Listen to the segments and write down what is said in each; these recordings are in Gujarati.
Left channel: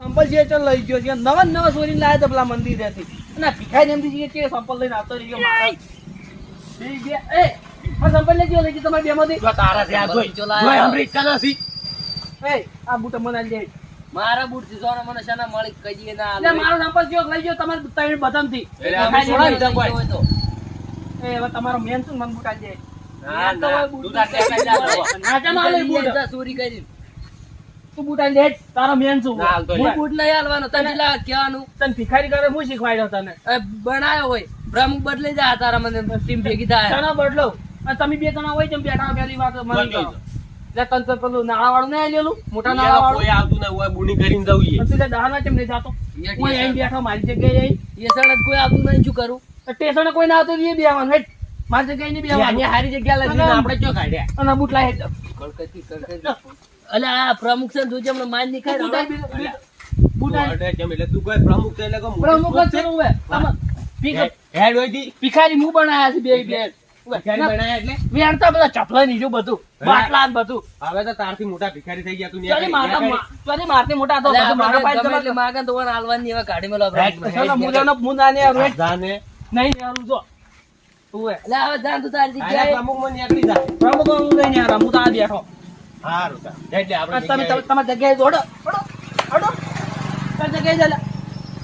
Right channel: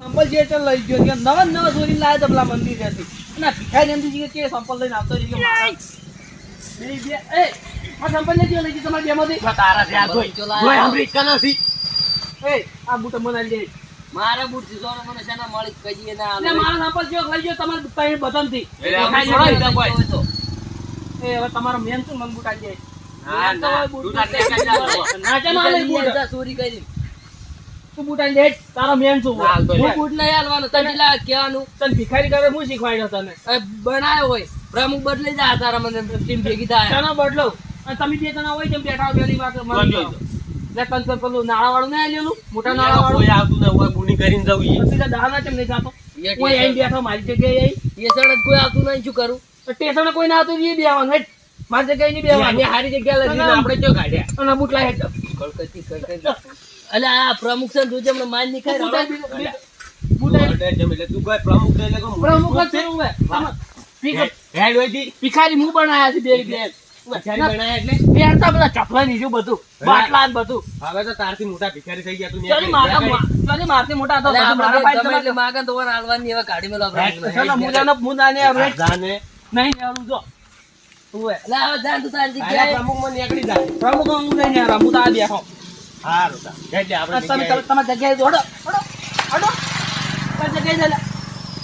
સંપલ જે તો લઈ ગયો છે. નવા નવા ચોરી લાયા તો પેલા મંદિર રહેતી અને ભિખારી એમથી જે છે સંપલ લઈને આવતો રહ્યો મારા. બે બે એ આ સંપલ લઈ ગયો લઈ ગયો? તમારી બેમાંથી? જો તારા આ જોઈ. જોઈ અમેરિકા નથી. એ આ બૂટ મને આલી મારા બૂટ સોનો મને શાના મળી કજીએ ના એટલે મારો સંપલ કયો લઈ ગયો? તમારે ત્રણ બધામાંથી. એ હવે તમારો મેન શું? મન બૂટ આલી દે. ના, ના. બૂટ. ના ચાલ બૂટ ચોરી કરી. તું બુટાઈ દે તારો મેન છું ના, હું બુટ નહીં હાલવાનો તને પેલા કહેવાનું. તને ભિખારી કરે હું શીખવાડ્યો તને. એ બનાયો હોય. પ્રમુખ બદલાઈ જાય તારા મને ટીમ ભેગી થાય. તને બદલો. અને તમે બે જણા હોય તેમ બેઠા પેલી વાત મને બદલો. લે તને પેલું નાળા વાળું નહીં લેલું મોટા નાળા કોઈ વાળું આવતું ના હોય બુની કરીને જવું તે દાણા કેમ નહીં જાતો? કોઈ એમ બેઠો મારી જગ્યાએ એ સણ જ કોઈ આવતું નહીં શું કરું? સ્ટેશન કોઈ ના આવતું એ બેવાનું હેઠ. મારી જગ્યાએ નહીં બેવાનું હારી જગ્યા લઈને ના, ના. આપણે ક્યાં કાઢ્યા? અને બૂટ લાય હેટ. કડકતી કડકતી અલે આ પ્રમુખ છે ને તું જેમને માનની ખાય હે-. ભિખારી મું બનાયા છે બે બે. પ્રમુખ હું નહીં હારા, હું તો આ બેઠો. હારું તા. એટલે આ આપણે તમે જગ્યાએ- તમારી જગ્યાએ જો, હડો, હડો. તારી જગ્યાએ જા.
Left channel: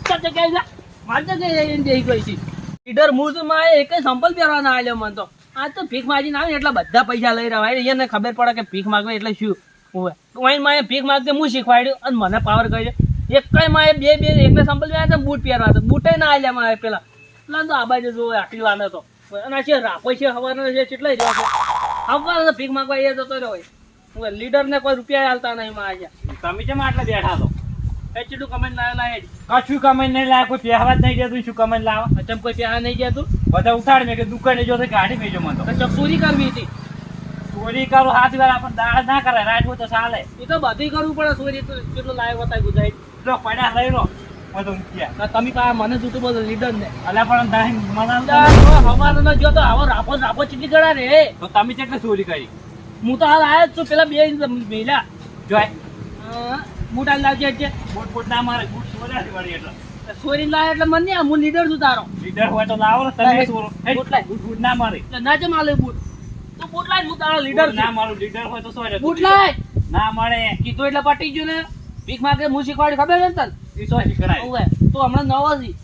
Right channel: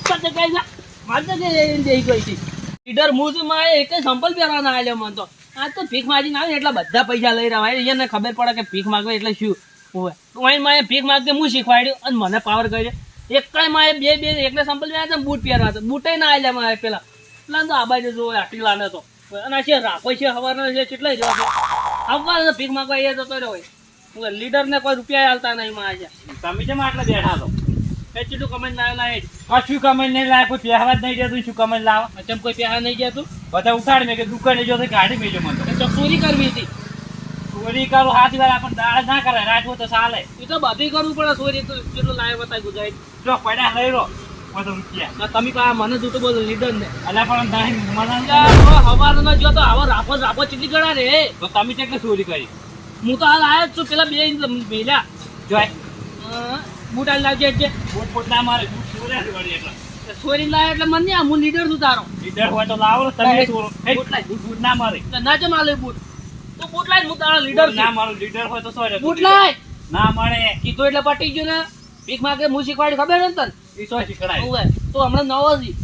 તારી જગ્યાએ જા. મારી જગ્યાએ જઈને બેસી ગઈ હતી. લીડર હું માં એક સંપલ પહેરવાના આલ્યો મને તો આ તો ભીખ માગીને આવે એટલા બધા પૈસા લઈ રહ્યા હોય એને ખબર પડે કે ભીખ માગવે એટલે શું હોય ઓયમાં ભીખ માગતે હું શીખવાડ્યું અને મને પાવર કર્યો એક કઈ માં બે બે એકને સંપલ પહેર્યા હતા બૂટ પહેરવા હતા બૂટે ના આવ્યા મારે પેલા પેલા તો આ બાજુ જો આટલી લાને તો અને છે રાખો છે હવાનો છે કેટલાય રહ્યો છે આવવાનો ભીખ માગવા એ જતો રહ્યો હોય લીડર ને કોઈ રૂપિયા હાલતા નહીં માં તમે કેમ આટલા બેઠા છો? એ ચીટલું કમેન્ટ ના લાય કશું કમેન્ટ નહીં લાવે કોઈ પહેવા જ નહીં જતું શું કમેન્ટ લાવે અચમ કોઈ પ્યાર નહીં જતું બધા ઉઠાડ મેં કે દુકાને જો કાઢી મેજો મને તો. ચોરી કરવી હતી? ચોરી કરું હાથ વાર આપણને દાળ ના કરે રાત તો ચાલે. એ તો બધી કરવું પડે ચોરી તો કેટલું લાય બતાય ગુજારી જો પડ્યા લઈ રો તમે પા મને જૂઠું બોલો લીડર ને અલ્યા પણ નહીં મને હવાનો જો તો આવો રાપો રાપો ચીટી ગળા રે. તો તમે કેટલે ચોરી કરી? હું તો હાલ આવ્યો જ છું. પેલા બે મેલ્યા. જોય બૂટ લાવજે એટલે બૂટ બૂટ ના મારે. બૂટ છે વળી એટલે. સોરી લાય એટલે મને નહીં હું લીડર છું તારો. લીડર હોય તો લાવો ને તમે સોરો બૂટ લાય. બૂટ બૂટ ના મારે. ના ચમ માલે બૂટ. તું બૂટ લાય હું તારો લીડર ના મારું. લીડર હોય તો સોરે. બૂટ લાય. ના મળે કીધું એટલે પટી ગયું ને. ભીખ માગે હું શીખવાડી ખબર ને તને? ઈ સો શીખડાય. ઓવે. તું હમણાં નવો છી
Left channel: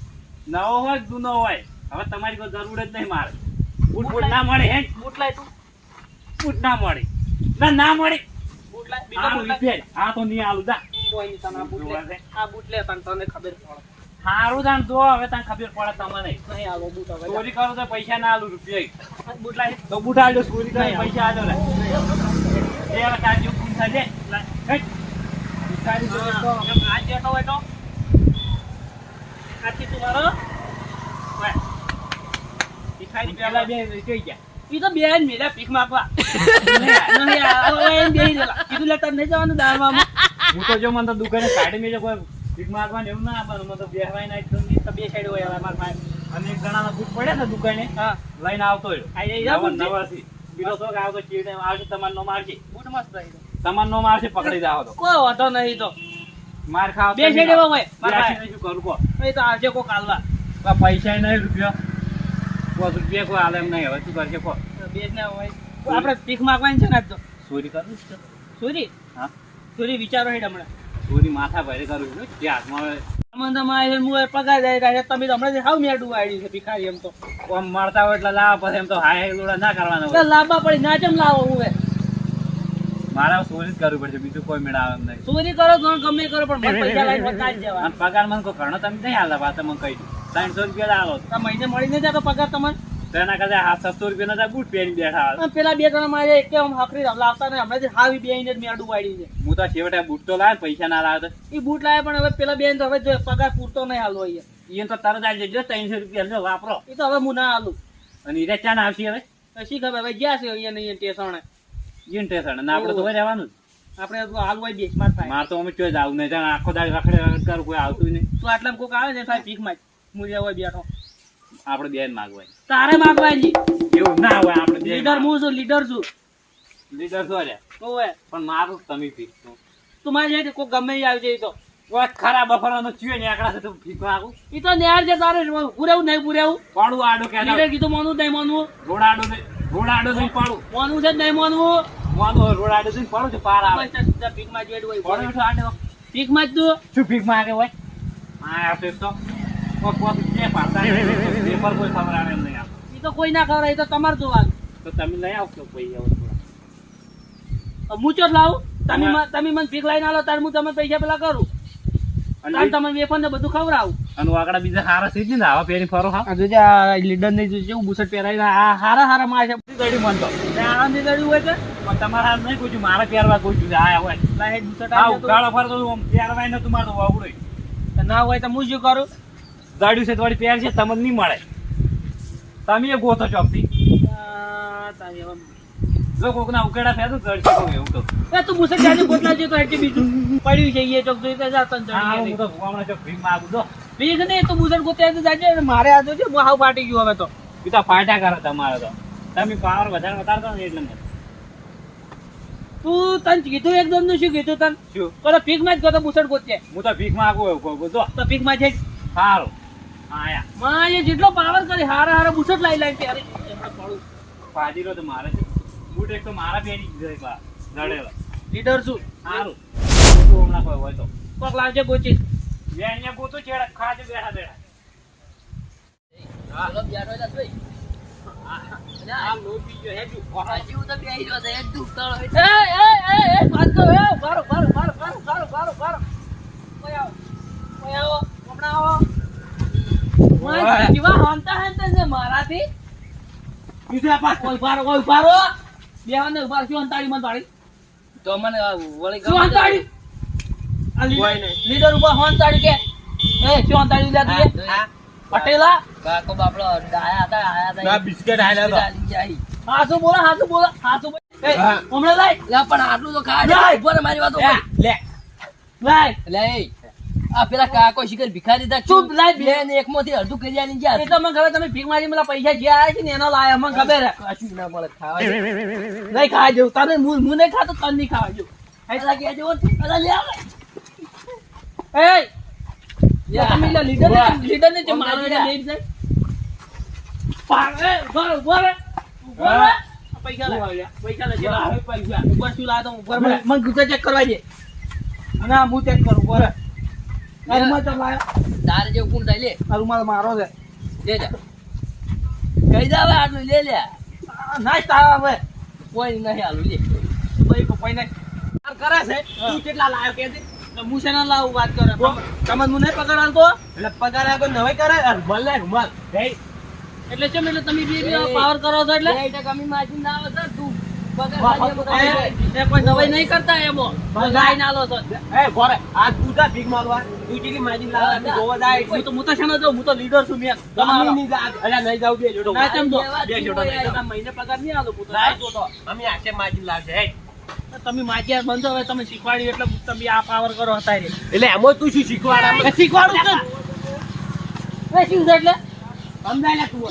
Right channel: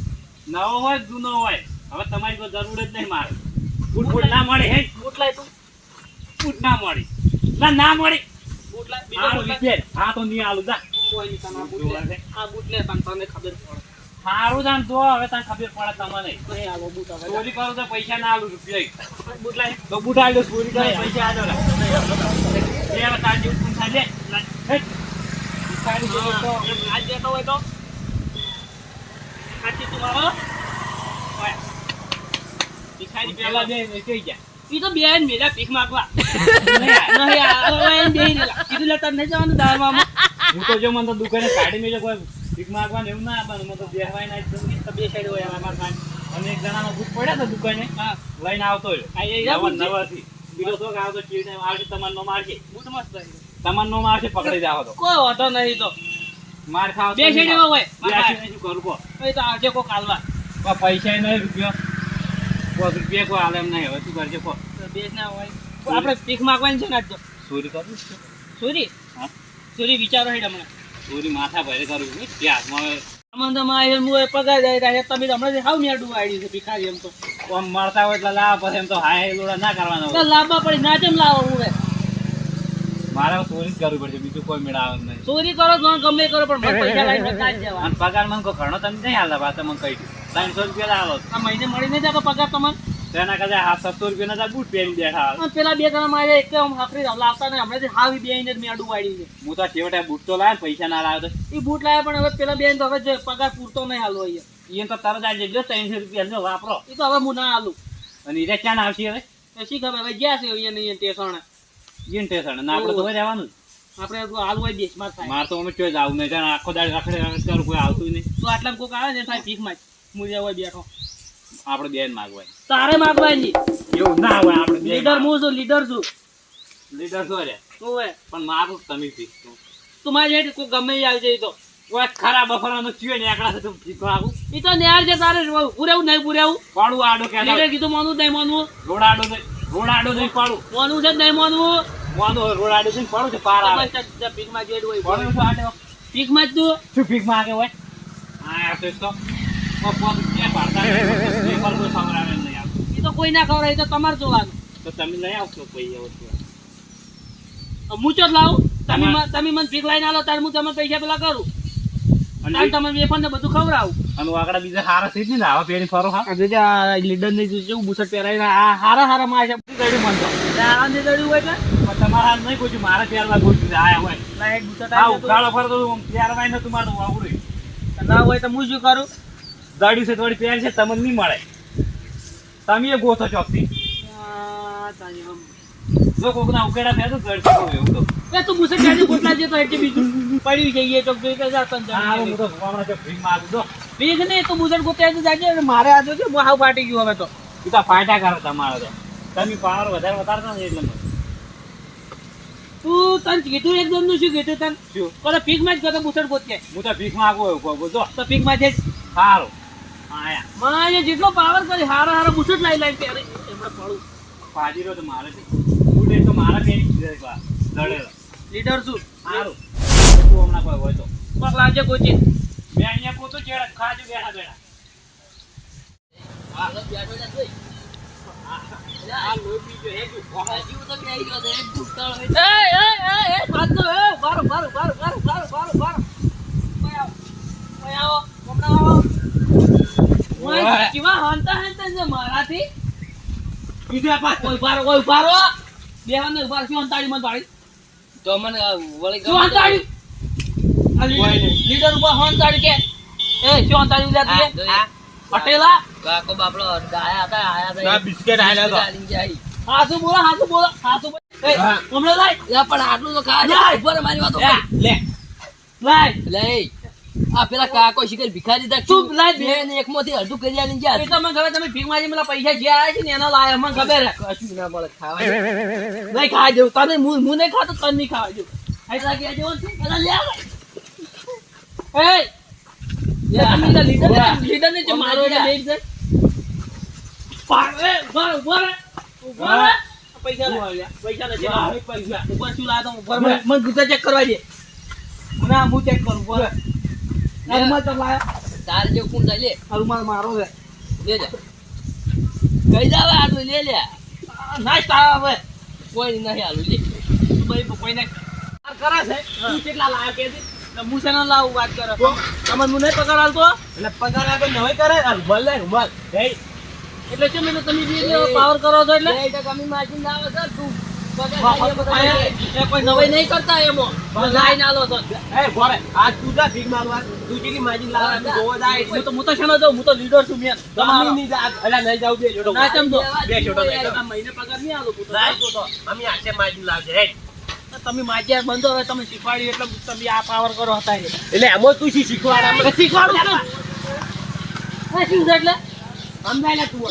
નવો હોય જૂનો હોય? હવે તમારી કોઈ જરૂર જ નહીં મારે. બૂટ બૂટ ના મળે હે બૂટ લાય તું. બૂટ ના મળે. ના ના મળે. તો તો તો પૈસા ના આલું રૂપિયા. બૂટ લાય. આલ્યો પૈસા આલ્યો તો. આજ દેતો હોય તો. આથી તું મારો. હોય. પેલા પેલા. બે કઈ ગયા. ઈ તો બેન મેલા ભીખ માંગવા નહીં આ બેહી રહેલા. કીધું લે તને નહીં જવાનું દાળમાં હું તો જો મને તો દુકાને કાઢી મેજો કોઈ ભીખ માંગવાનું એવું ના આપવાનું મને તો બેહવાય ના તો બે સાઈડ હોય અમારે પાસે. અને એક જણાનો બુક પડ્યા છે દુકાને હા લઈને આવતો રહ્યો એ. નવાથી બીજો શોખ આવતો ચીડ આવશે તમારો નો મારશે બૂટ મસ્ત. તમારો નો મારશે પકડી જાવ તો કોઈ વાંધો નહીં તો માર ખાવ બે સાઈડ એવા હોય. શું કરું કો એ તો આવજે કોક હાલવા પૈસા નહીં રૂપિયો પાંચ રૂપિયા કોઈ એમ નહીં હવે શું કરજે કો. તો બે ના હોય. આપણે ભીખ માંગવાની છે ને આજ તો? ચોરી કરું સુરી? હા. સુરી વિચારો હેડ હમણાં. ચોરી માથા ભારે કરું છું જે હાથમાં હવે સંબંધમાં આવીને હું પગાર જાય રહ્યા તમે તો હમણાં હાવ મેડું વાળી છે ભિખારી એમ તો. આમ મારતા હોય એટલે લાવ પછી એમ તો હાય લોડા ના કરવાના લાંબા પડી ના કેમ લાવો હું મારે ચોરી જ કરવી પડશે બીજું કોઈ મેળાવે એમ નહીં. ચોરી કરો તો ગમે કરો પણ મને પૈસા લાવીને બતાવી દેવા અને પગાર મને કોઈ ઘણો તમે નહીં હાલતા વાત મને કહી દઉં ત્રણસો રૂપિયા લાવો. આ મહિને મળી નહીં જતો પગાર તમને તેના કરતા હાથ સત્તો રૂપિયા ના બૂટ પહેરી બેઠા. પેલા બે ત્રણ મારે એક આમ હકરી લાવતા ને હમણાં હાવી બે ઇંચ મેડું વાળી છે હું તો છેવટે બૂટ તો લાવે પૈસા ના લાવે તો. એ બૂટ લાયા પણ હવે પેલા બેન તો હવે પગાર પૂરતો નહીં હાલો અહીંયા. એ તો તરત આવી જજો ત્રણસો રૂપિયા વાપરો. એ તો હવે હું ના હાલું. અને એ ક્યાં આવશે હવે? શી ખબર હવે જ્યાં છે અહીંયા નહીં ટેસણે. ટેન્શન. ને આપણે તો રહેવાનું આપણે તો હોય દેશમાં થાય. મારે તો અમે ચોઈ આવું નહીં. જાણે આખો દાડી રખડે રખડ કરું કોઈ આવતું નહીં. તો આટલા કોક આવે ને થાય ભીખમાં જ. મુજે હોય બેઠો. આપણે બેન માગવાય. તારે માગવાની. એવું ના હોય આપણે લીડર હું છું લીડર છું. તો હોય પણ મારું તમે પી તું મારી કોઈ ગમે આવી જાય તો. ખરા બફરાનો ચિયો ને એકડા તું ભીખ માગું ઈ તો ન્યાર છે તારે. પૂરેવું નહીં પૂરેવું પાડું આડો કે કીધું માનવું નહીં માનવું રોડ આડો દે રોડ આડો દે પાડું. માનવું છે નહીં માનવું મોનું રોડ આડો દે પાડું છે પાર આવે. ભીખમાં જેડ હોય પાડું છે આડો પીકમાં જ તું. શું પીકમાં આગે હોય? હા તો તો. કોઈ ખબર આવે એમ નહીં આમ. ઈ તો કોઈ ના ખબર તો તમારે જોવાનું. તો તમે નહીં આવશો કોઈ એવો હું ચો લાવું? તમે તમે મને ભીખ લઈને આવો ત્યારે હું તમે પૈસા પેલા કરું. અને તમે વેફર ને બધું ખવડાવું. અને આગળ બીજા હારા થઈ જ ને આવા પહેરી ફરો હા? લીડર નહીં જેવું બુસટ પહેરાવીને આ હારા હારા માં છે. ની હોય છે પણ તમારા હાથ નહીં કોઈ મારા પહેરવા ગોઠવી આયા હોય હા ફરતો પહેરવાય મારતું વાવડું ના હોય તો હું શું કરું? ગાડી છે થોડી પહેર છે તમને નહીં મળે. તમે ગોતો ચોકથી. જો કોક ના ઉકેડા ફેર તો ગડી શકો એવું તો. એ તું બુસટ જાને ગોટલા જે તો એટલી બીજું પડ્યું છે એ ચોક જોઈ તો જા તન હા હું તો ચોક ભીમ તો બીજ ને તું બુસટ ગોતે જાજે મારે આ હું હાવ ફાટી ગયું હવે તો. પીતા તો ફાયદા કરે તમારે તો. તમે પાવર વધારે વધારતો ને એટલે તું તન કીધું એકદમનું શું કીધું તન? શું? કોને પીકમાં જ ગયો બુસડ ગોતે હું તો ભીખ માગું એવું કહું જો. તો પીકમાં જઈ સારું આયા માં એ જેટલો પાવર કરી હારા હારા બુસડ લાઈ લાઈ ત્યારે એમણે પડું. ફાજીરો તો મારે છે. બુટ એક તો મારા પેરી જાય છે દળેલો લીડર શું સારું તું હમણાં કોઈ હોય તો. પગ લાવજે કોચી. બે અહીંયા પોતું ચેડા ખાજો બેઠા બેઠા. હાલો, બેઠો જા મારાથી મન પાડી તો મને વળી શું અંતાડી ઉપર હોંતાડી કે એ શું અંતાડી. પટેલા? કાકો બાપડો આયા હતા, આયા હતા. બિસ્કેટ આયા હતા. હાસુ બોલો હાસુ બોલો હાસુ. હમણાં લાય. લે, પણ આટલું તો ખા. લાય. ઊભો મારી વાતો લે, લાય. લે, આ પેલા કાકો શીખર ભિખારી દા તું લાય બે. ને એક મોથી અડધું કરી આલી ગયા. એ તો મને ખબર તમે ભીખ મારી પેલા પૈસા જે આયા છે ને એનો લાયા મને ખબર કશું ના મળે ખાવા નહીં ખાવા જેવું તને હું હું નહીં ખાતો તને નહીં ખાવા જેવું એટલા કે જેવો છે અલા લે આવે. એ લીડર ને ને મારો એટલે પૈસા પૈસા લે હા, હવે પૈસા. ઉપર શું લાતો ઉપર મને મને ગુસ્સા ચેક કરવા દે. ના હું ચેક કરું ઉપર રૂમાલ તો લાયા. તારે જેવું કોણ થાય લે. આ રૂમાલ મારો છે. લે લે. કઈ જાવે તું લે લે. આ નાઈસ તારા હવે. કોઈ નહીં આલું લે. ભાઈ કોઈને આ કરે છે તું કેટલા લાયો કે હું શેના લાવું વાત કરો. તમે હું નહીં પગાર આલતો એટલે પગાર આપે નવાઈ કરે. રૂમાલ લે રૂમાલ એટલે છે મેં તમે બે પાવર કરો છો એટલે? માર્જિન ના આવે તું જા. જા. આ મહિને પગાર નહીં તમે માજ્યા બંધો હવે તમે શીખવાડ્યું એટલે તમે આ પાવર કરો હતા એટલે એમાં તું શું શીખવાડ? શીખવાડું કે શું એટલે? સમજાય લે તું.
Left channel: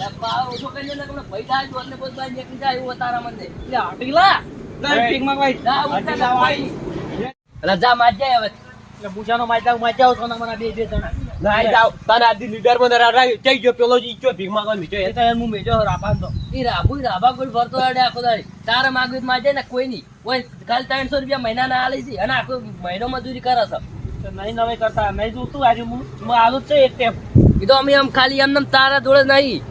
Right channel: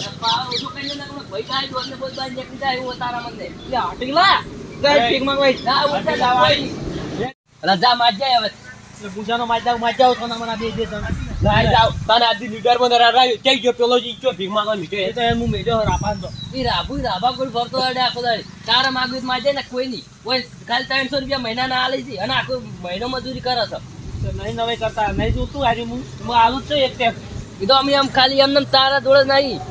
ઓછો કરીને ને હમણાં ભઈ થાય તો એટલે બોલ બાઈ નીકળી જાય એવું તારા મને એટલે હટી લા. એ. ભીખ માંગવાય. જા ઉઠા હજી જા લાવાય. કોઈ અલા જા માજ જાય હવે. એટલે પૂછાનો માજ્યા માજ્યા છો ને મને બે બે જણા. નહીં જાવ. તને આજી લીડરમાં રાય જઈ ગયો? પેલો જી ગયો ભીખ માંગવા મીઠો એ તો હું મેજો રાપાનો ઈ રાભુ ઈ રાભા કોઈ ભરતો અડે આખો દાડી. તારા માગવી માજે ને કોઈ નહીં. કોઈ ખાલી ત્રણસો રૂપિયા મહિના ના આલે છે અને આખો મહિનો મજૂરી કરે છે. નહીં નવે કરતા. નહીં જોતું આજે હું. હું આલુ છે એક ટેપ. એ તો અમે આમ ખાલી એમને તારા જોડે નહીં.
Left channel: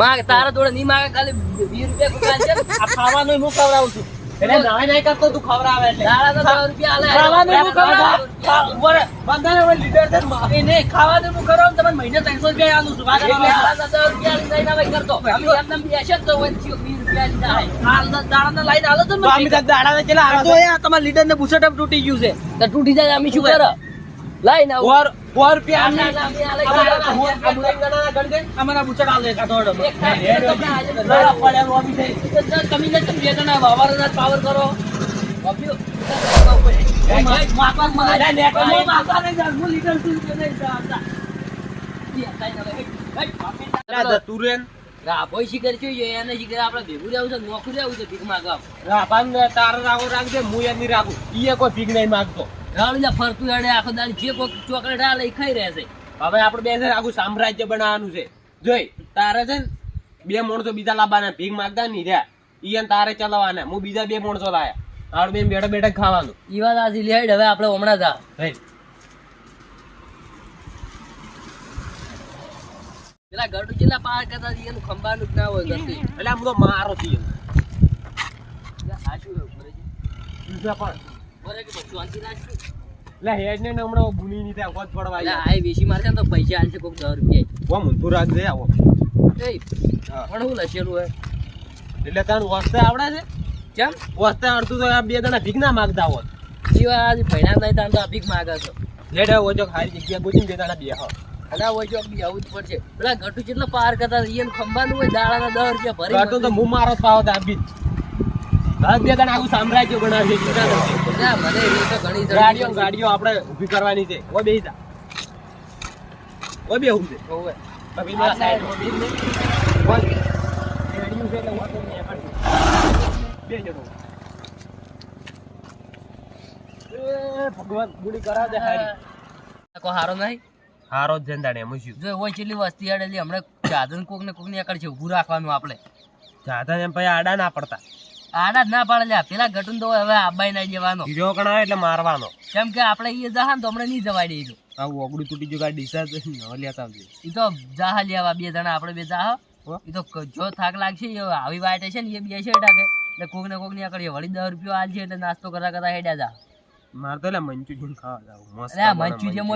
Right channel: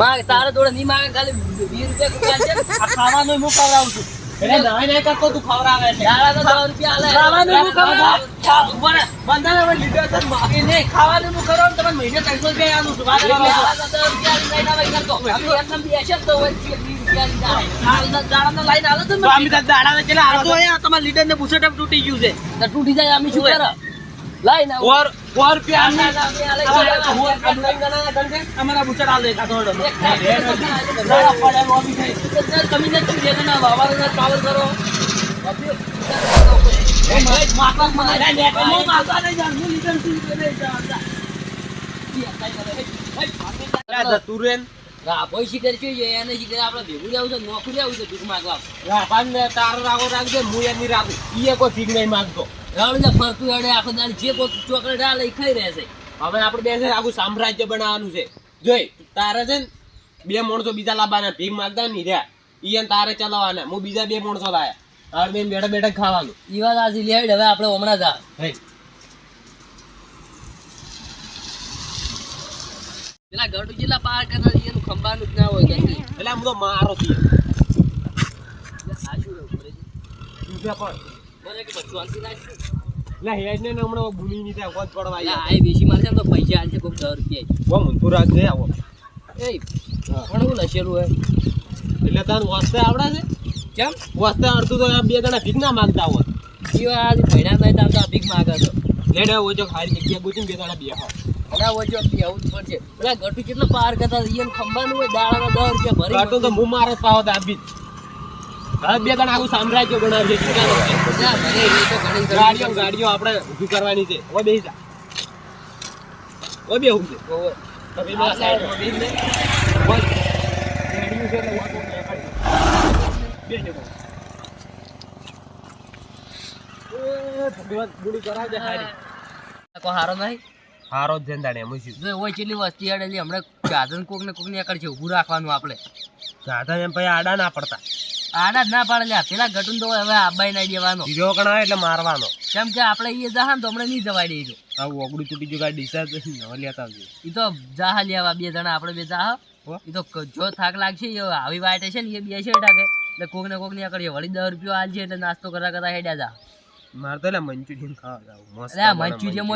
માગ તારા જોડે નહીં માગે ખાલી વીસ રૂપિયા. ખાવાનું હું ખવડાવું છું. એટલે નહીં કરતો તું ખવડાવે છે. ખાવાનું બંધાને હવે લીડર છે ને માફી નહીં. ખાવાનું હું ખવડાવું તમને મહિને ત્રણસો રૂપિયા આલું છું. કરો. રૂપિયા લાઈન હાલો તો તો અમે તો દાડા કેટલા આ તો લીડર ને બુસટ તૂટી ગયું છે. તૂટી જાય અમે શું કરે? લાઈ ના ઓર ઓર રૂપિયા આલી. આલે અમારા આલ દે કાઢો તો ના ના પડે લોબી થઈ. તમે ને તું જે ના વાવર ને પાવર કરો માપા મને અરે નેટ હું નહીં જાણ હું લીડર છું નહીં જાણતા. બે થાય હવે. હેટ, આ જતું રે ને. રાભોય શિખર જોઈએ એને આપણે ભેગું રહેવું છે નોકરી રહેવું છે ભીખ માગવા રાભાન ને તારો રાગો રાખજે હું એની રાખું એ કોઈ ભીખ નહીં માંગતો રાવણુજા ફરતું હેડે આખો દાડી જે કોઈ ચોકલેટ આ લઈ ખાઈ રહેશે હવે આપણે બે આખું સામ્રાજ્ય બનાવવાનું છે. જોઈ તારે છે ને બે માણસો બીજા લાવવાના ભીખ માગતા નહીં રહ્યા. ઈ તારે ચલાવવાના. હું બીજા બે માણસો લાયા. આપણે બે બેઠા બેઠા ખાવાનું. ઈ વાત આજી લેડ હવે આપણે હમણાં જા ભાઈ. પેલા ગડુ જેટલા પાર કરતા એનું ખંભાનું જ ના હોય એટલે આમ તો મારો છીએ આ શું રહ્યું પણ. ઘરે કે બધું શાંતિ રાખજો. એટલે હેડ ને હમણાં ભૂલી નહીં થાય કોચ પડવા એટલે આ વેચી મારશે તો પૈસા આલશે કોક દસ રૂપિયા આવો. એ પણ હું લસેલું હે. એટલે તને વસ્તે આવડે છે? કેમ? વસ્તે તો આ બે દાણા ભીખ ના માગતા હોત ઈ આજ ભણ્યા નહીં તાર તો આ ભીખ માગે તો. લેડે ઓછો ખાલી જગ્યા ગોતી બે દાણા બે હા અને આ વચ્ચે જ પડશે. પેલા ગટુ કેટલો પાર કરતા ઈયન ખંભાનું હોય દાડાના દસ રૂપિયા ભરી કાટું તો હું મારો પાવો તો આ. હવે બે જણા આખું સામ્રાજ્ય બનાવશે ચિંતા. ના, મને એ તો ઘણી ગાડીઓ ગાડીઓ આપણે ઊભી કરવાની છે. ઓ બેસી જા. ઓ બે ઊભી છે હોવે. તમે મારા સાઈડમાં બેસીને બોલ. રેડિયું છે એટલે વાંધો નહીં, એ કાઢી. બેસજો ભગવાન ગુડી હારી. આ કોઈ હારો નહીં? હારો જ જંદાડે એમ શું? જો હોય કેટલી વસ્તી આડેલી હમણાં જાદન કોક ને કોકની આકડ છે ઊભું રાખવાનું આપણે. જાતા એમ પછી આડા ના પડતા. આના જ ના પાડે લ્યા. પેલા ગટુન તો હવે આબાઈ ના દેવાનો બીજો કણ એટલે મારવાનો. કેમ કે આપણે એ જહા ને તો હમણાં નહીં જવાય દે આવું ઓગળું તૂટી ગયું કાંઈ ડિસ્ચાર્જ લેતા આવજો. એ તો જાહા લેવા બે જણા આપણે બે જાહ. હો? એ તો જો થાક લાગશે એ આવી વાટે છે ને એ બે છે ટાકે. એટલે કોક ને કોકની વળી દસ રૂપિયા આલ છે એટલે નાસ્તો કરતા કરતા હેડ્યા જા. મારે તો એટલે મંચુરિયન ખાવા જાવ. મસ્ત મંચુરિયન.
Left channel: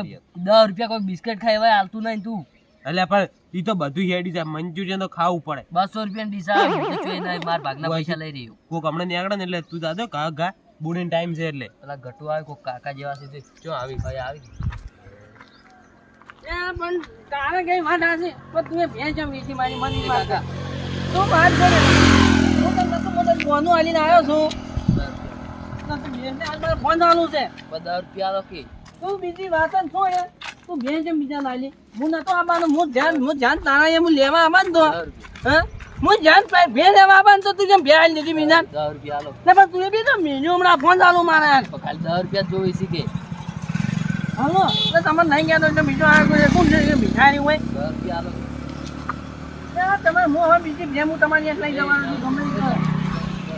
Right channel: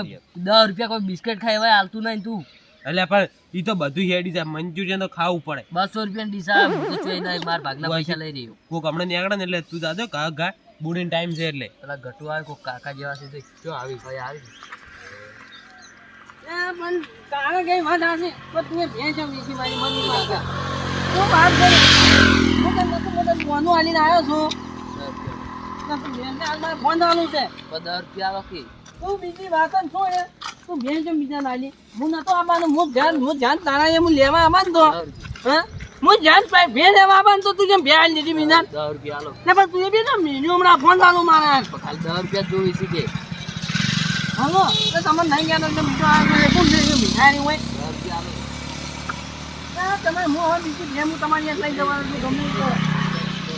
દસ રૂપિયા કોઈ બિસ્કિટ ખાઈ હોય હાલતું નહીં તું. એટલે પણ એ તો બધું હેડી જાય. મંચુરિયન તો ખાવું પડે. બસો રૂપિયા ડીસા બાર નહીં ભાગના પૈસા લઈ રહ્યો કોક હમણાં નીકળે ને એટલે તું દાદો કા ગા બુડીન ટાઈમ છે એટલે. પેલા ગટુ આવે કોક કાકા જેવા છે જો આવી ભાઈ આવી પણ તારે કઈ વાત હશે પણ તું ભેંસ નીચી મારી મની કાકા તો વાત કરે? હું તને નતું બધું ફોનું આલીને આવ્યો છું. ના તું ભેંસને હાલ મારે ફોન ચાલુ છે. દસ રૂપિયા કે? તું બીજી વાત જ હે તું ભેંસ જેમ બીજા નાલી હું નતો આવવાનો હું ધ્યાન હું ધ્યાન તારા એમ લેવા આવવાનું તો. હે? હું ધ્યાન પાઈ બે લેવા આવવાનું તો તું જેમ બે આલી લીધી બીજા રૂપિયા આલો. ને પણ તું એ બી તો મેન્યુ હમણાં ફોન ચાલુ મારે. ખાલી દસ રૂપિયા જોઈ છે કે. હાલો એટલે તમને નહીં ગયા તો બીજો છે કોણ છે ભિખારી હોય? દસ રૂપિયા આલો. ના, તમે હું હવે બીજી ગેમ હું તમારી અહીંયા લઈ જવાનો છું ગમે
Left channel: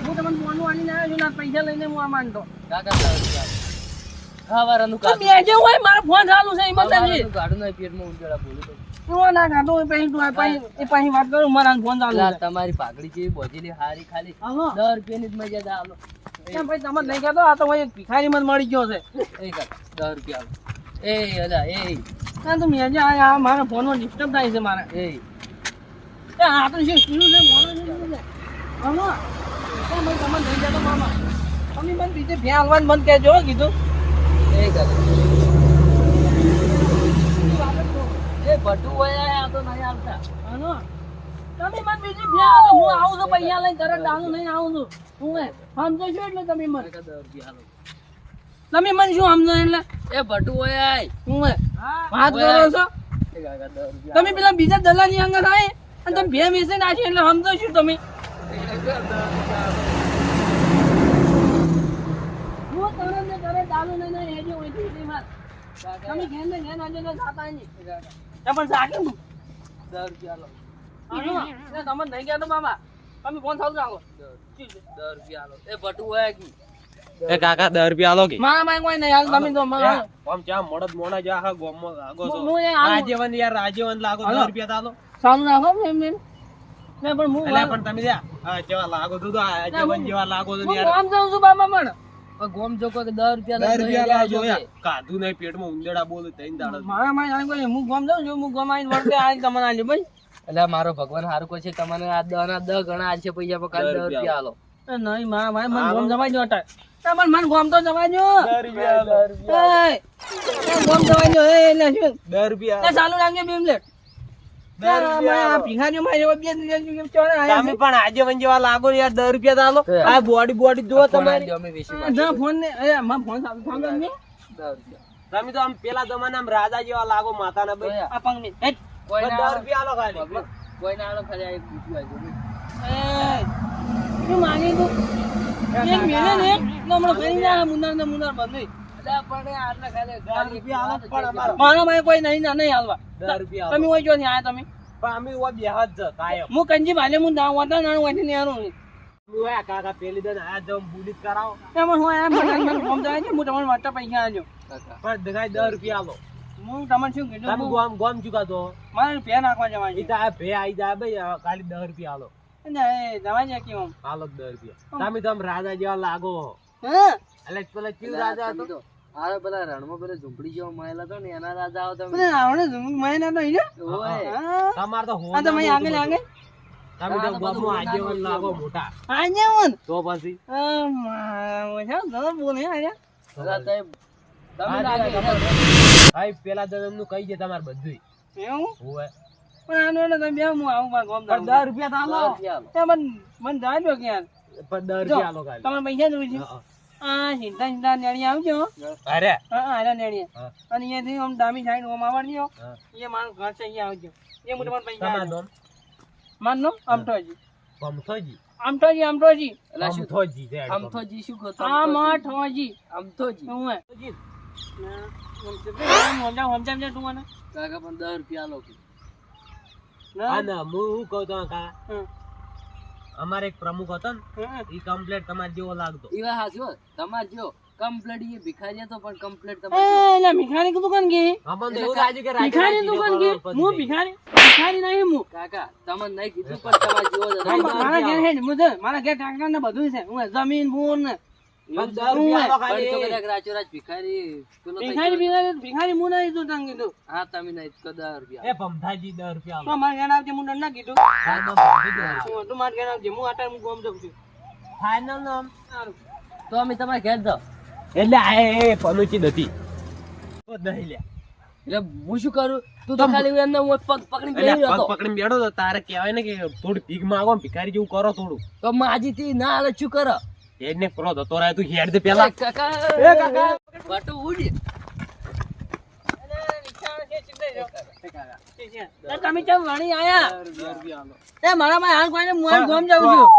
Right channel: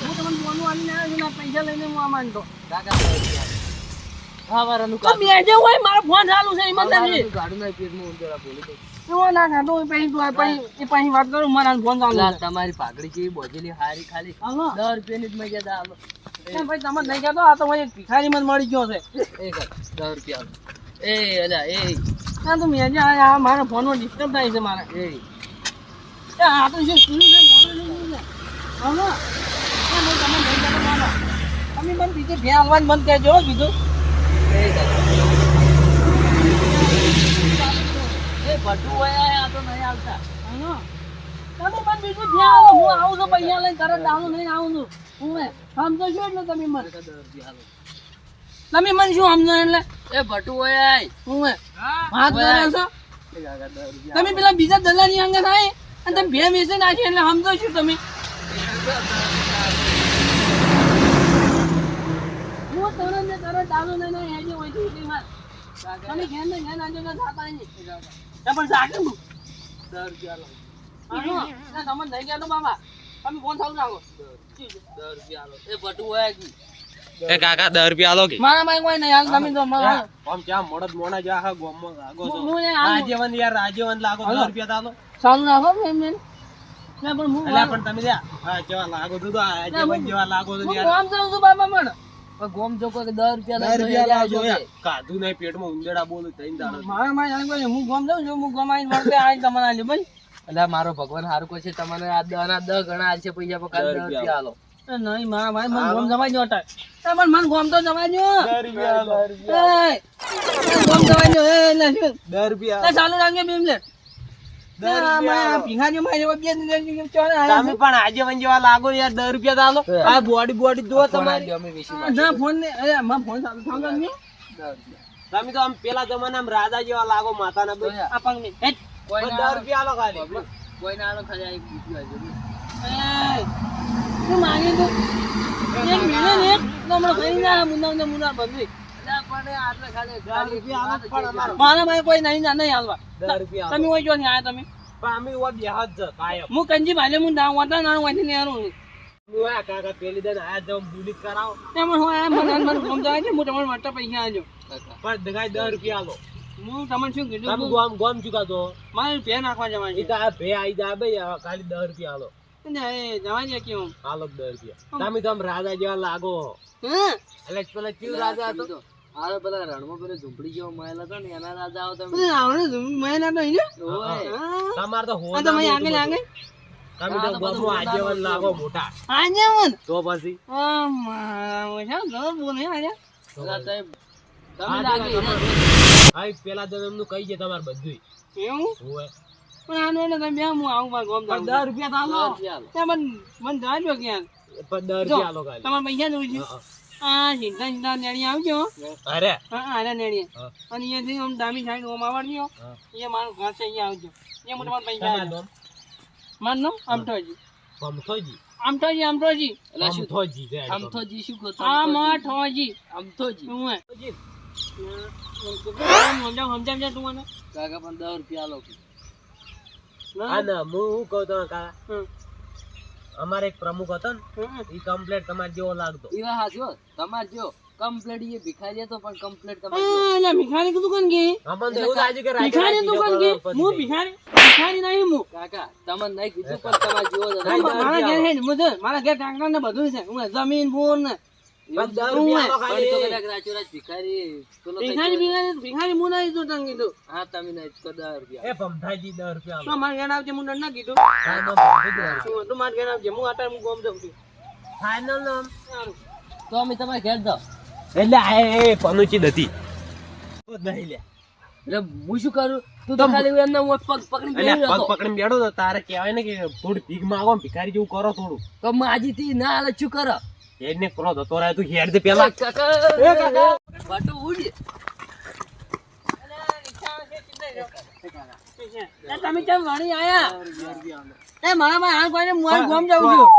હું તમને ફોનું આલીને આવ્યો છું પૈસા લઈને હું આ માનતો કાકા દસ રૂપિયા આલો. ખાવાનાનું તો કાઢું. બે જે હોય મારો ફોન ચાલુ છે કાઢું નહીં, પેટમાં બોલી દઉં. ના ખાતો પછી તું પછી વાત કરું મારા ફોન ચાલુ છે. તમારી પાઘડી જેવી બોજેલી હારી ખાલી. હાલો. દસ રૂપિયાની જ મર્યાદા આલો ના, ભાઈ તમે નહીં કહેતો આ તો એક ભિખારી મને મળી ગયો છે. એ કાકા, દસ રૂપિયા આલો એ અલા એ. ના તો મેં જે આ મારા ફોનમાં ડિસ્ટર્બ થાય છે મારા. એ. આ તો શું શું છે મોડું ભાઈ તમે મને બીજે ભ્યા હાલવાનું બંધ કહેજો હો, કીધું. કાકા. હોય તો તમે મને બીજી હું આવું છું લઈને આવું છું હું સમજો છો એટલે તમે મને તમે મને શું સમજો એટલે એ ભટુ હોય હું તમે પેલા બીજા દલાની અંગત આવે અને તમે ભે વેચી નાખી એટલે સમજો છો તમે હું તરત દારૂ લઈને હેજે હોય છે એટલી વાર. તમે ઘેર ને ઘેર આજે જાતા નહીં. તો પણ જાગે હું તમે નહીં ગયા તો બાબા તમે ફોન ચાલુ રાખો. દસ રૂપિયા આલો. એ ભટ્ટુ હોય કી. એ કાકા દસ રૂપિયા આલો કે? મારા માં કોઈ નહીં હાલ તમે તો મારા આમ ચા મોડદ મોડા જો આખા ગોમમાં લાગો છો. હું યાર રૂપિયા ચાલુ. રાખો ના પણ હું પણ તમે હા જેવા લાગો તો જેવા લાગો તો હું યાર જાઉં છું બાબા પણ પણ. ગોમ જો કોઈ રૂપિયા. કે. કાધું નહીં પેટમાં ઉંદેડા બોલું તઈને દાડો મારા માં જાણે હું ગામ જાઉં છું હું ગામ આવીને વળતે આવીને તમને આલ્યું ભાઈ. એટલે મારો ભગવાન હારું કહે છે તમને આ દસ ના દસ ગણા આલશે પૈસા પણ દર રૂપિયા આલો. નહીં મારા ભાઈ મને ગોમ જમાઈ અટાય તમારે મને ગોમ તો જમાઈ એ ગોમ જમાઈ એ એટલે શું? દસ રૂપિયા ચાલુ રાખજો તમે પણ આજેવન જેવા લાગો યાર દસ રૂપિયા તો આ બોડી બોડી જો તમારી. આલજો, અમે વેચી છે. ના ફોન ને એ મારા ફોન ચાલુ થાંભલો ને. દસ રૂપિયા. તમે તો આમ પેલા જમાનામાં રાજા જેવા લાગો ભાઈ. આ ને દસ રૂપિયા આલો ખાલી. કોઈ ના આલો ખાલી એક બીજું આવજો. માંગી તું એ ને હમણાં ફરી જા મુન્નાર બધું મારા કોઈ નહીં ના નહીં હાલવા. રૂપિયા તમે હોય જો ને આયા તમે? અમે ઓવા બેહા જ કાયમ. હું કંજી ભાલે હું ના વાતા ના વાંચી ને આરું અમે કાકા પેલી દન આયા જ બુલી જ કરાવો. હું આયા મને મને ગોમ જવાય છે હું તમને વાટા પૈસા આલજો પણ દગાઈ દસ રૂપિયા આલો. હું તમને શું કીધું? તમે ગોમ ગોમ ચૂકા છો? મારે પે નાખવા જવાનું ઈ તો આ ભે આઈ જાય ભાઈ ખાલી દસ રૂપિયા આલો. અને જવા દે કેમ? આલો દસ રૂપિયા. તમે તો રાજા જેવા લાગો હા. એટલે પેલા ચીવ રાજા હતો. આરે પેલા રણમાં પેલા ઝૂંપડી જેવો મહેલ હતો ને એના રાજા આવો તમે પણ ઝૂમ મહિના તો અહીંયા ઓય તમાર તમારે તો આ તો મેં આગળ આગળ. તમે તો ગામમાં આગેવાન લાગો મોટા. આજે હું તો પછી? આ મારા છે તો બોલે આજે પેલા સાહેબ તમે લાગે ભાઈ પેલા તો એમનું કહી દે તમારે બધું એવું? હોવે. પણ આનો એટલે તમે બે હું આવું મારા ગોમ પણ દસ રૂપિયા તો આલો. ચાલો. મન મને મને જાજો કે પણ દસ જો, રૂપિયા આલો ખાલી. તમારે પૈસા છું હા, આ સીધા સીધા નેણી આવજો. અરે. હા આના નેણી. અને અહીંયાથી આમ ડામી સાઈડ ઓમ આવડજો. એ મારું ઘર છે અહીંયા આવજો. એ હું તમારે પૈસા તમારું મારું નામ અમઠોજી પમથોજી અમઠોજી અમઠોજી એટલે શું? પમથોજી છે શું કહો? આ મઠોજી. હું હે? પમથોજી. સમજાવ સમજાવ તું મને. કાકા પણ દસ રૂપિયા લો ના. હું કહું તમે કાકા. અમારે એક પ્રમુખ હતો ને એ કમ્પ્લેટ તમારે જેવો લાગતો. એ હા જો તમારે જો કમ્પ્લેટ એ ભિખારી હતો પણ કમ્પ્લેટ તમારે એટલે ભિખારી કી? દુકાન ગઈ અમને તો એવું લાગે કે ભિખારી દુકાન ગઈ હું ભિખારી? ભિખારી નહીં હું. કાકા તમને નહીં કીધું પણ તમારે જેવો મારા ઘેર હે ને, હું મારા ઘેર ટ્રેક્ટર ને બધું છે. હું જમીન બોર ને તો હું હા હું હા. હું હું હું અમે તમારે ઘેર દો એટલે આ એ એ પનુચી નથી. નહીં લ્યા. એટલે હું શું કરું? તું તો ખાલી એમને હું પગ પકડી એટલે હતો. પકડીને બેઠો તો તારે કહેવાય ને કે થોડી ભીખ માંગો ભિખારી જેવું કરો થોડું. તો માજીથી ના હાલે શું કરો? એને ક્રોધ હતો રાય તું હેડ દે પેલા. એ કાકા. બટુ ઉડી. તમે કેમ વળી આયા? એ મારા ભાઈ હાલ કોઈને હું ગોમ જાઉં છું.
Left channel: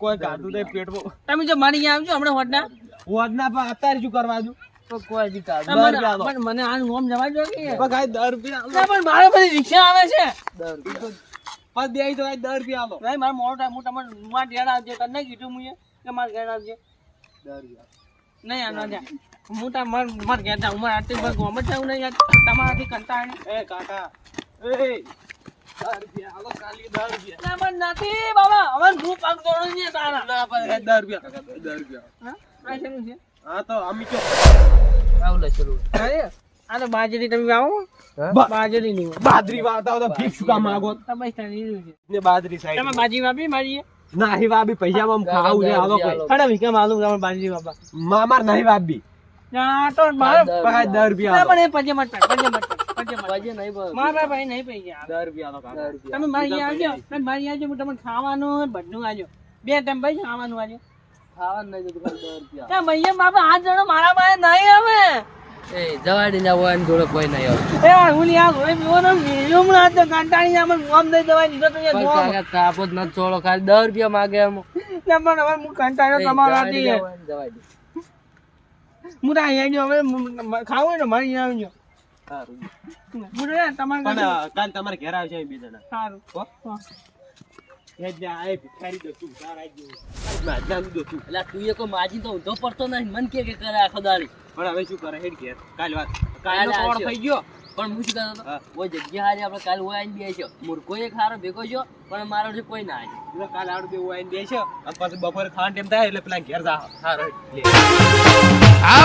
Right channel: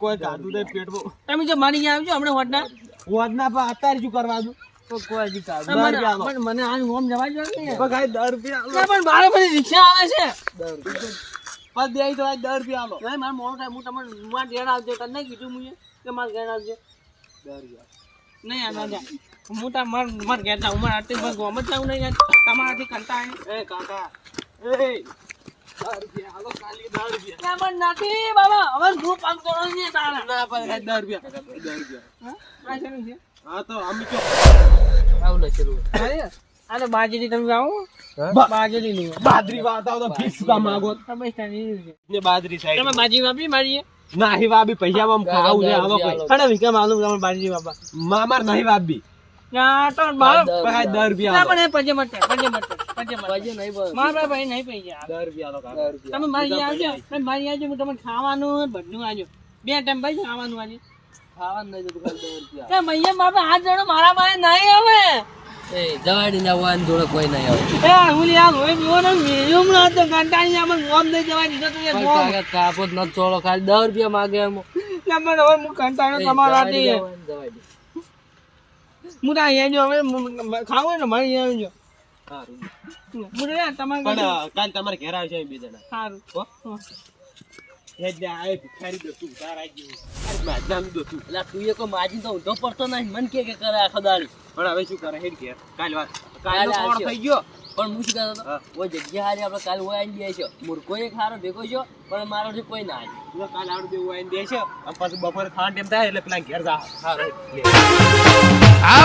કોઈ ગાધું તો પેટમાં તમે જો મળી આવજો હમણાં હોટના. હોદ ના અત્યારે શું કરવા દઉં? કોઈ મને મને- મને ગોમ જવા દો દર રૂપિયા પણ મારે બધી રિક્ષા આવે છે. પણ દે તો આ રૂપિયા આલો. મારો ટાઈમ હું તમને કીધું મુએ. કે મારા ઘેર આવજે. નહીં આના જા તાર માર માર ઘેર જાઉં. મારે આટલી બસ ગોમ જ જાઉં નહીં યાર. તમારાથી કંટાળે એ કાકા. એ. દસ રૂપિયા આલો ખાલી દસ રૂપિયા ના પણ નથી બાબા. હવે ગ્રુપ આગ દોડો તારા ના પણ કાંઈ દસ રૂપિયા દસ રૂપિયા હા શેનું છે? હા તો અમે કે આવું લે ચલો. આ તો બાજરી તમે આવો બાજરી નું બાજરી વાવતા તો ફિક્સ કામ માંગો? તમે બાજરી સાઈડ તમે બાજી વાપરી મારી નાહી વાબી પૈસામાં ખાવું છે આલો કોઈ. અરે વિક્રમ આલુ તમે બાજી વાપા. મામાર નહીં વાબી ના તો મારે દસ રૂપિયા. પણ એ પજે મત પજે મત પજે મત નહીં બોલ મારા ભાઈ નહીં પૈસા દસ રૂપિયા આલો કાકા. તમે મારી આવજો તમે મારી આવજો હું તમને ખાવાનું બધું આજો. બે ટાઈમ ભાઈ ખાવાનું આજે. ખાવાનું નહીં તો ખાલી દસ રૂપિયા. તે મૈયા બાપા આ જણો મારા પાસે નહીં આવે જવાડી ના હોય ને જોડે કોઈ નહીં આવે. એ હું લ્યા હોય પીવો ને મીડિયમ ના તો કંટાળી આમ ગોમ દઈ દેવા દીધો તો યાર તાપો જ ખાલી દસ રૂપિયા માગે એમ. ના હવે હું કંટાળ્યો તમારો હાથી જવાડી. હું તો અહીંયા જો હવે ખાવું હોય ને મારી આવજો સારું. હું તમારે કાલ તમારે ઘેર આવશે બે જણા. સારું હો? એટલે આ એ તારા જેવું. માજાનું દોતું. એટલે તું એ કોઈ માજી તો ઊંધો પડતો નહીં મન કે કે કરે પણ હવે કરે હેડ ઘેર કાલ વાત થઈ ગયો પણ હું શું કહેતો હતો ઓય જગ્યા હારી આપણે કાલે ઓય આવીને બેસ્યો મૂર્ખો એક હારો ભેગો છો પણ મારો કોઈ ના આવી કાલ આડું દેવું આવીને દેશે પછી બપોરે ખાવાનું ટાઈમ થાય એટલે પેલા ઘેર જા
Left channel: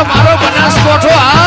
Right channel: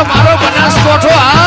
મારો બનાસકોઠો આ